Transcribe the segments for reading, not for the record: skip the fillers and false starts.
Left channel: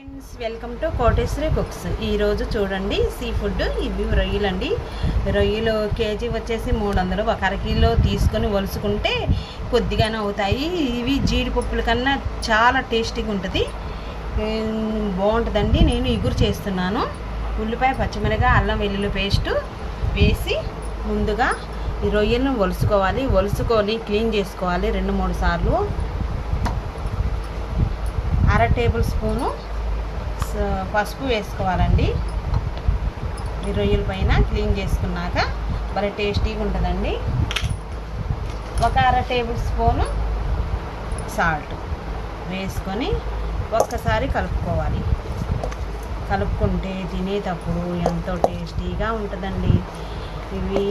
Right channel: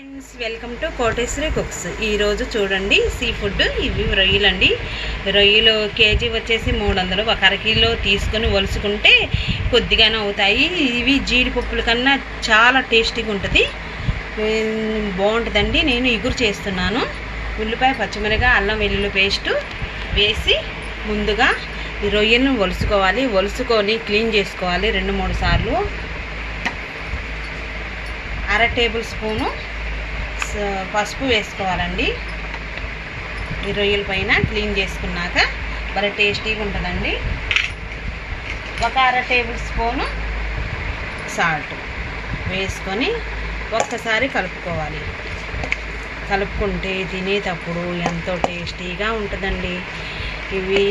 Friends, welcome to Koteswari cooks. ఈరోజు చూడండి sea food. ఇవి రొయ్యలు అండి. రొయ్యలు కేజీ వచ్చేసి 300. ఒక అరకిలో తీసుకొని వలుసుకుంటే కొద్దిగానే అవుతాయి. ఇవి జీడిపప్పుల కన్నా చాలా టేస్టీగా ఉంటుంది, బాగుంటుందండి. నేను ఇగురు చేస్తున్నాను. ఉల్లిపాయ, పచ్చిమిరపకాయ, అల్లం వెల్లుల్లి పేస్టు వేసి ముందుగా ఈ రొయ్యలను వలుసుకొని క్లీన్ చేసుకోవాలి 2-3 సార్లు. అర టేబుల్ స్పూను పసుపు వేసుకోవాలండి. ఈ రొయ్యల పైన క్లీన్ చేసుకున్నాక భలే టేస్టీగా ఉంటుందండి. ఒక అర టేబుల్ స్పూను సాల్ట్ వేసుకొని ఒక్కసారి కలుపుకోవాలి. కలుపుకుంటే తినేటప్పుడు ఎంతో టేస్టీగా ఉంటుందండి. ఇవి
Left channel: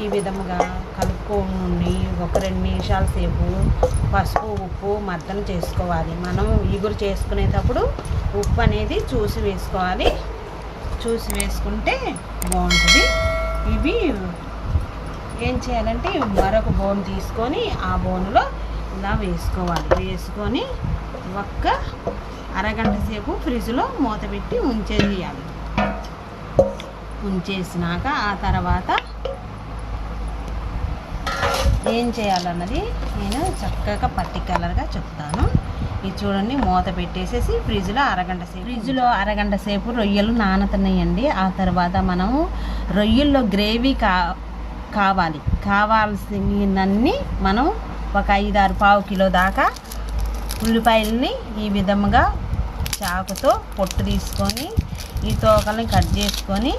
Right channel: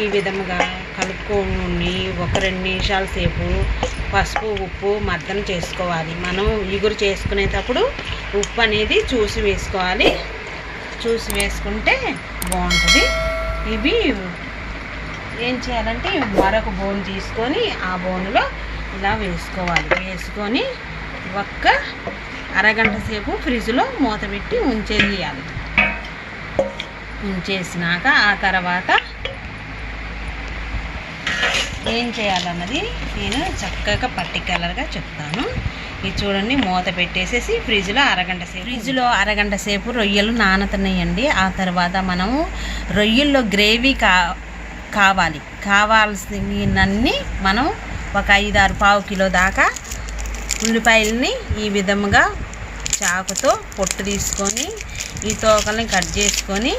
ఈ విధముగా కలుపుకొని ఒక 2 నిమిషాల సేపు పసుపు, ఉప్పు మర్దన చేసుకోవాలి. మనం ఇగురు చేసుకునేటప్పుడు ఉప్పు అనేది చూసి వేసుకోవాలి. చూసి వేసుకుంటే బాగుంటుంది. ఇవి ఏం చేయాలంటే మరొక బౌల్ తీసుకొని ఆ బౌల్లో ఇలా వేసుకోవాలి. వేసుకొని ఒక్క అరగంట సేపు ఫ్రిడ్జ్లో మూత పెట్టి ఉంచేయాలి. ఉంచేసినాక ఆ తర్వాత ఏం చేయాలన్నది నేను చక్కగా పర్టిక్యులర్గా చెప్తాను. ఇది చూడండి, మూత పెట్టేసేసి ఫ్రిడ్జ్లో అరగంట సేపు రొయ్యలు నానతున్నాయండి. ఆ తర్వాత మనము రొయ్యల్లో గ్రేవీ కావాల్సినన్ని మనం ఒక 5-6 పావు కిలో దాకా ఉల్లిపాయలని ఈ విధముగా చాకుతో పొట్టు తీసుకొని ఈ తోకల్ని కట్ చేసుకొని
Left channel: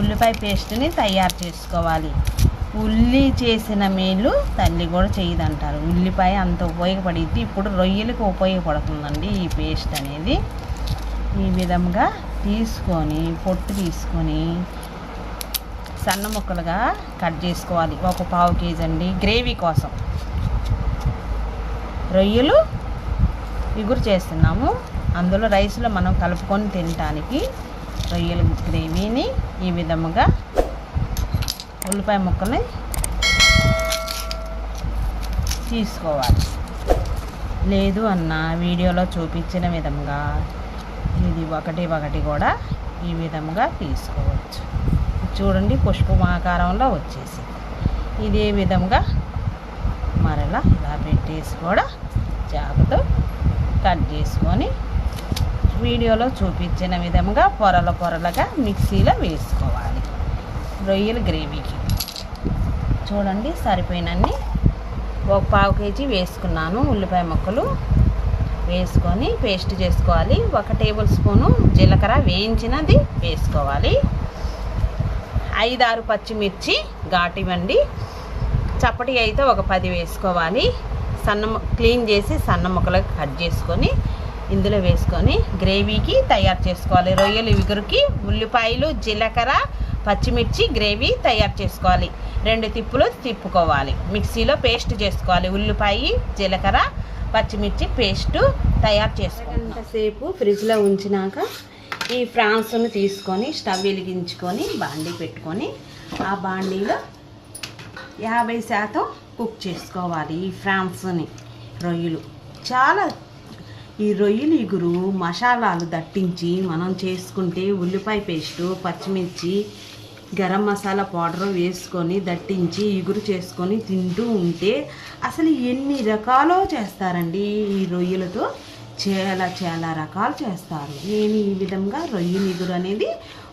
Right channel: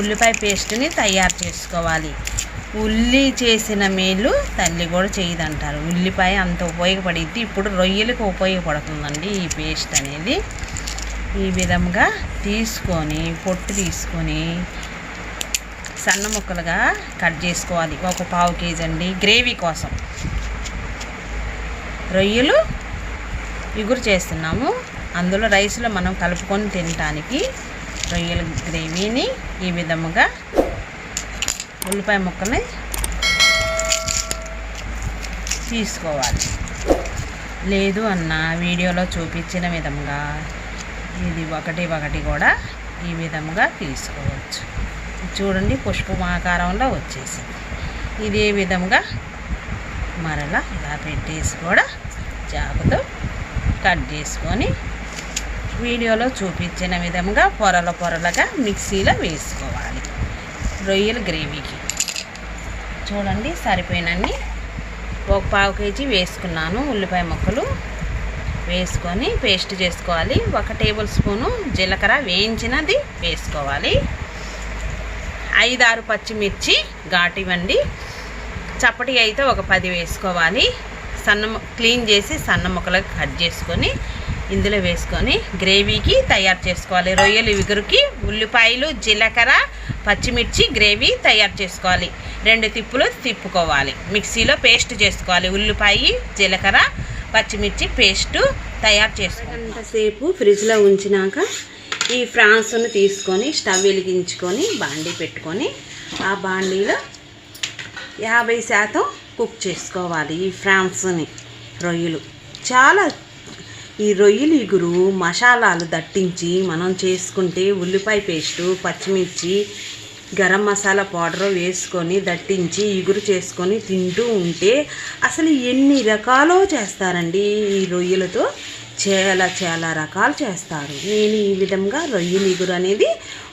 ఉల్లిపాయ పేస్ట్ని తయారు చేసుకోవాలి. ఉల్లి చేసిన మేలు తల్లి కూడా చేయదంటారు. ఉల్లిపాయ అంత ఉపయోగపడిద్ది. ఇప్పుడు రొయ్యలకు ఉపయోగపడుతుందండి ఈ పేస్ట్ అనేది. ఈ విధంగా తీసుకొని పొట్టు తీసుకొని సన్న ముక్కలుగా కట్ చేసుకోవాలి. ఒక పావు కేజీ అండి గ్రేవీ కోసం. రొయ్యలు ఇగురు చేస్తున్నాము, అందులో రైస్లో మనం కలుపుకొని తినటానికి రొయ్యల గ్రేవీని ఈ విధముగా ఉల్లిపాయ ముక్కల్ని తీసుకోవాలి. లేదు అన్న వీడియోలో చూపించిన విధంగా ఇది ఒకటి కూడా ఈ విధంగా తీసుకోవచ్చు. చూడండి, పుష్పమాకారంలో వచ్చేసి ఇదే విధంగా మరలా ఇలా పెట్టేసి కూడా చాకుతో కట్ చేసుకొని వీడియోలో చూపించిన విధంగా పొరలుగా మిక్సీలో వేసుకోవాలి. రొయ్యల గ్రేవీకి చూడండి సరిపోయినన్ని ఒక పావు కేజీ వేసుకున్నాను. ఉల్లిపాయ ముక్కలు వేసుకొని పేస్ట్ చేసుకోవాలి. 1 టేబుల్ స్పూను జీలకర్ర వేయించినది వేసుకోవాలి. 5-6 పచ్చిమిర్చి ఘాటివ్వండి. చప్పటి అయితే ఒక 10 వేసుకోవాలి. క్లీన్ చేసి సన్న ముక్కలకు కట్ చేసుకొని ఇందులో వేసుకొని గ్రేవీకి తయారు చేసుకోవాలి. రొయ్యలు ఇగురుకి ఉల్లిపాయలు, జీలకర్ర, పచ్చిమిర్చి గ్రేవీ తయారు చేసుకోవాలి. 2 తిప్పులు తిప్పుకోవాలి. మిక్సీలో పేస్ట్ చేసుకోవాలి. ఉల్లిపాయ, జీలకర్ర, పచ్చిమిర్చి పేస్టు తయారు చేసుకోవాలి. గంట సేపు ఫ్రిడ్జ్లో ఉంచినాక ఈ ఫ్రాన్స్ను తీసుకొని స్టవ్ వెలిగించుకొని బాండీ పెట్టుకొని ఆ బాండీలో 50% కుక్ చేసుకోవాలి. ఈ ఫ్రాన్స్ని రొయ్యలు ఈ రొయ్యలు ఇగురు మసాలాలు దట్టించి మనం చేసుకుంటే ఉల్లిపాయ పేస్టు, పచ్చిమిర్చి, గరం మసాలా పౌడర్ వేసుకొని దట్టించి ఇగురు చేసుకొని తింటూ ఉంటే అసలు ఎన్ని రకాలో చేస్తారండి. ఈ రొయ్యలతో చాలా రకాలు చేస్తారు. నేను ఈ విధంగా రొయ్యల ఇగురు అనేది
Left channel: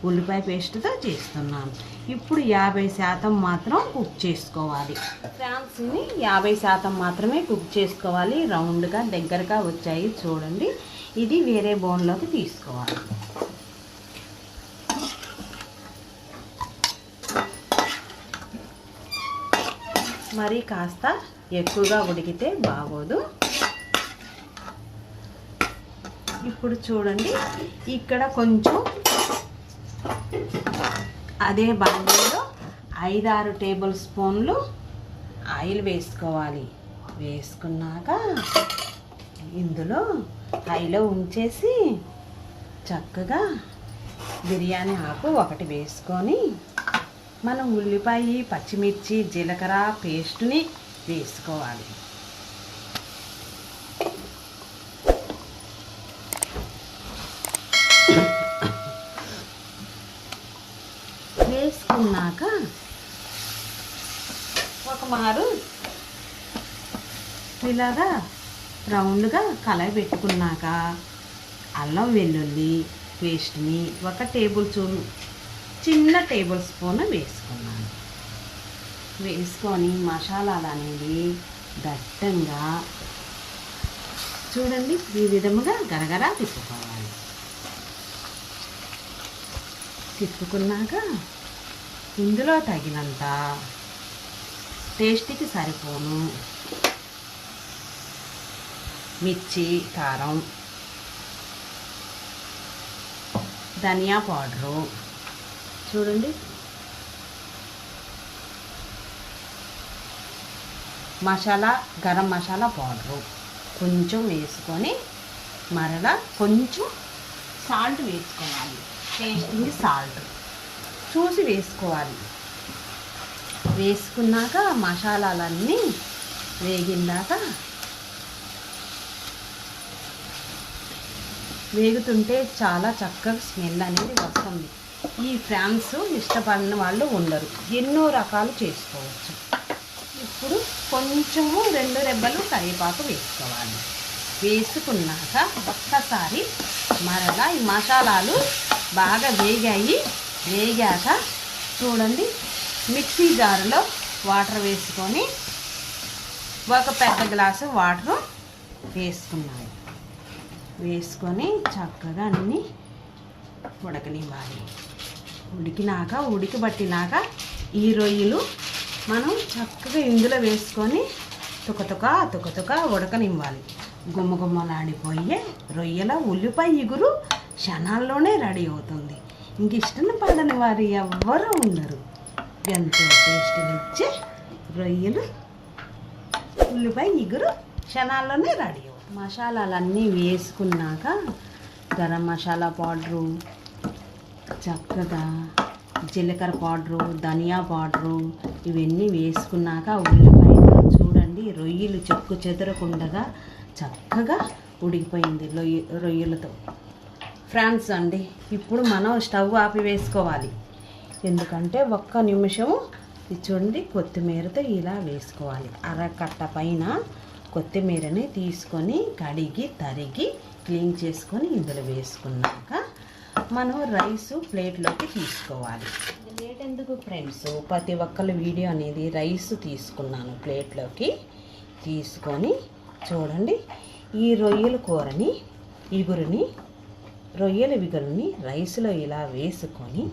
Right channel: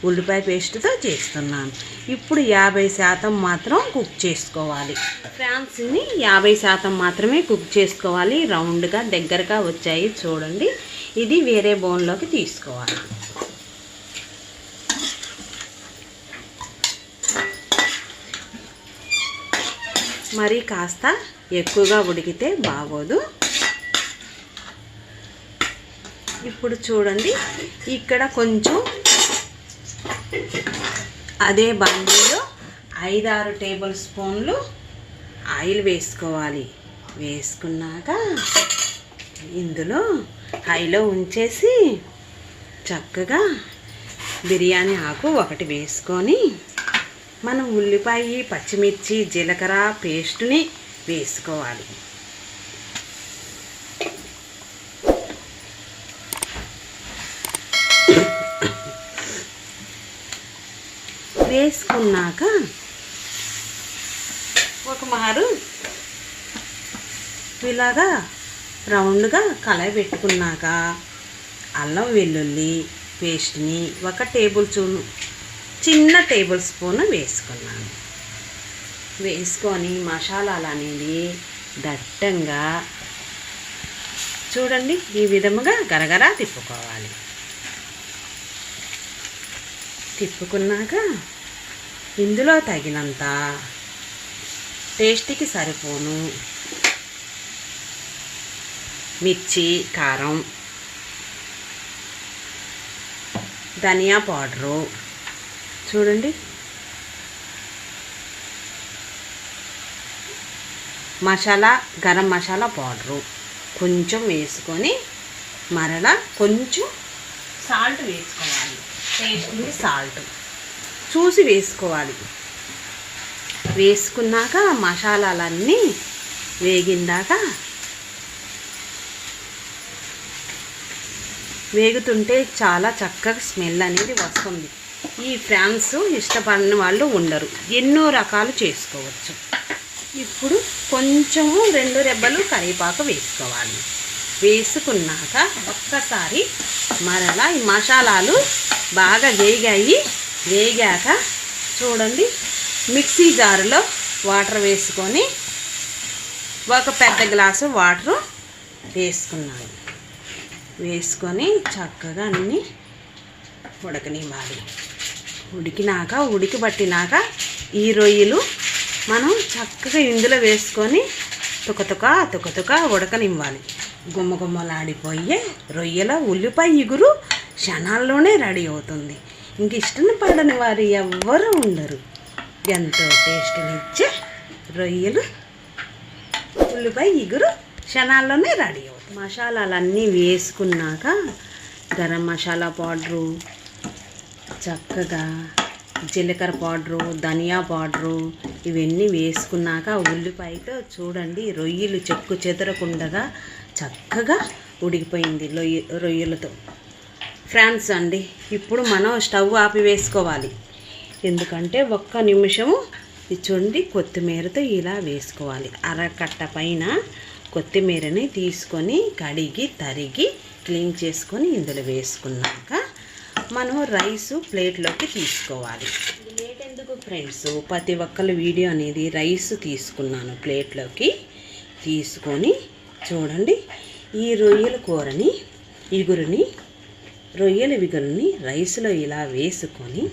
ఉల్లిపాయ పేస్ట్తో చేస్తున్నాను. ఇప్పుడు 50% మాత్రం కుక్ చేసుకోవాలి. ఫ్రాన్స్ని 50% మాత్రమే కుక్ చేసుకోవాలి. రౌండ్గా దగ్గరగా వచ్చాయి చూడండి. ఇది వేరే బౌల్లోకి తీసుకోవాలి. మరి కాస్త ఎక్కువగా ఉడికితే బాగోదు. ఇప్పుడు చూడండి, ఇక్కడ కొంచెం అదే బాండీలో 5-6 టేబుల్ స్పూన్లు ఆయిల్ వేసుకోవాలి. వేసుకున్నాక ఇందులో హైలో ఉంచేసి చక్కగా బిర్యానీ ఆకు 1 వేసుకొని మనం ఉల్లిపాయ, పచ్చిమిర్చి, జీలకర్ర పేస్టుని వేసుకోవాలి. వేసుకున్నాక ఒక మారు ఇలాగా రౌండ్గా కలయి పెట్టుకున్నాక అల్లం వెల్లుల్లి పేస్ట్ని ఒక చిన్న టేబుల్ స్పూన్ వేసుకున్నాను. వేసుకొని మసాలాలు అనేది దట్టంగా చూడండి ఈ విధముగా గరగరా తిప్పుకోవాలి. తిప్పుకున్నాక ఇందులో తగినంత టేస్ట్కి సరిపోను మిర్చి, కారం, ధనియా పౌడరు చూడండి, మసాలా గరం మసాలా పౌడరు కొంచెం వేసుకొని మరలా కొంచెం సాల్ట్ వేసుకోవాలి. టేస్టింగ్ సాల్ట్ చూసి వేసుకోవాలి. వేసుకున్నాక మసాలాలన్నీ వేగిందాక వేగుతుంటే చాలా చక్కగా స్మెల్ అనేది వస్తుంది. ఈ ఫ్రాన్స్ ఇష్టపడిన వాళ్ళు ఉండరు, ఎన్నో రకాలు చేసుకోవచ్చు. ఇప్పుడు కొంచెము 2 రెబ్బలు కరివేపాకు వేసుకోవాలి. వేసుకున్నాక ఒక్కసారి మరలా ఈ మసాలాలు బాగా వేగాక చూడండి మిక్సీ జారులో వాటర్ వేసుకొని ఒక పెద్ద గ్లాసు వాటర్ వేసుకున్నాను. వేసుకొని చక్కగా అన్నీ ఉడకనివ్వాలి. ఉడికిపట్టినాక ఈ రొయ్యలు మనం చక్కగా ఇందులో వేసుకొని తుకతుక ఉడకనివ్వాలి. గుమ్మలాడిపోయే రొయ్యల ఉల్లిపాయ ఇగురు క్షణాల్లోనే రెడీ అవుతుంది. ఇంక ఇష్టం పడని వారు ఎవ్వరూ ఉండరు. ఎంతో టేస్ట్నిచ్చే రొయ్యలు ఉల్లిపాయ ఇగురు క్షణాల్లోనే రెడీ అవుతుంది. మసాలాలన్నీ వేసుకున్నాక గరం మసాలా పౌడరు, చక్కగా జీలకర్ర పౌడరు, ధనియా పౌడరు ఇవన్నీ వేసుకున్నాక ఉల్లిపాయలు చూడండి రొయ్యలు చెక్కు చెదరకుండా చక్కగా ఉడికిపోయింది రొయ్యలతో. ఫ్రాన్స్ అండి, ఇప్పుడు మనం స్టవ్ ఆపి వేసుకోవాలి. ఎందుకంటే 1 నిమిషము చూడండి కొత్తిమీరతో ఇలా వేసుకోవాలి. అరకట్ట పైన కొత్తిమీరని తీసుకొని కడిగి తరిగి క్లీన్ చేసుకొని ఇందులో వేసుకున్నాక మనం రైసు ప్లేట్లోకి తీసుకోవాలి. లేట్ ఎందుకు ఫ్రెండ్స్, ప్రతి ఒక్కరి వీడియో అనేది రైస్ తీసుకున్నాను. ప్లేట్లోకి తీసుకొని చూడండి ఈ రొయ్యల కూరని రొయ్యల ఇగురుని రైస్లో ఇలా వేసుకొని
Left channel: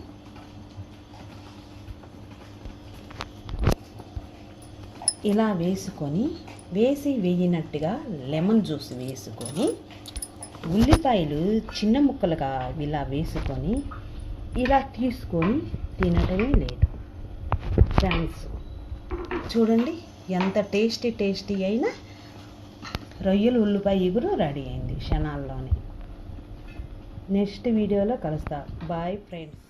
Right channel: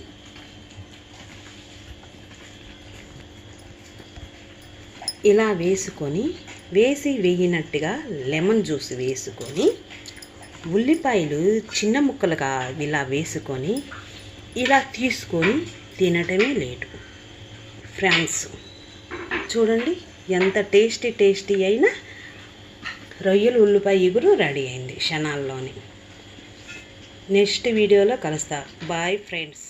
వేగినట్టుగా లెమన్ జ్యూస్ వేసుకొని ఉల్లిపాయలు చిన్న ముక్కలుగా ఇలా వేసుకొని ఇలా తీసుకొని తినటమే లేటు ఫ్రాన్స్. చూడండి ఎంత టేస్టీ అయినా రొయ్యలు ఉల్లిపాయ ఇగురు రెడీ అయింది క్షణాల్లోనే. నెక్స్ట్ వీడియోలో కలుస్తా. Bye friends.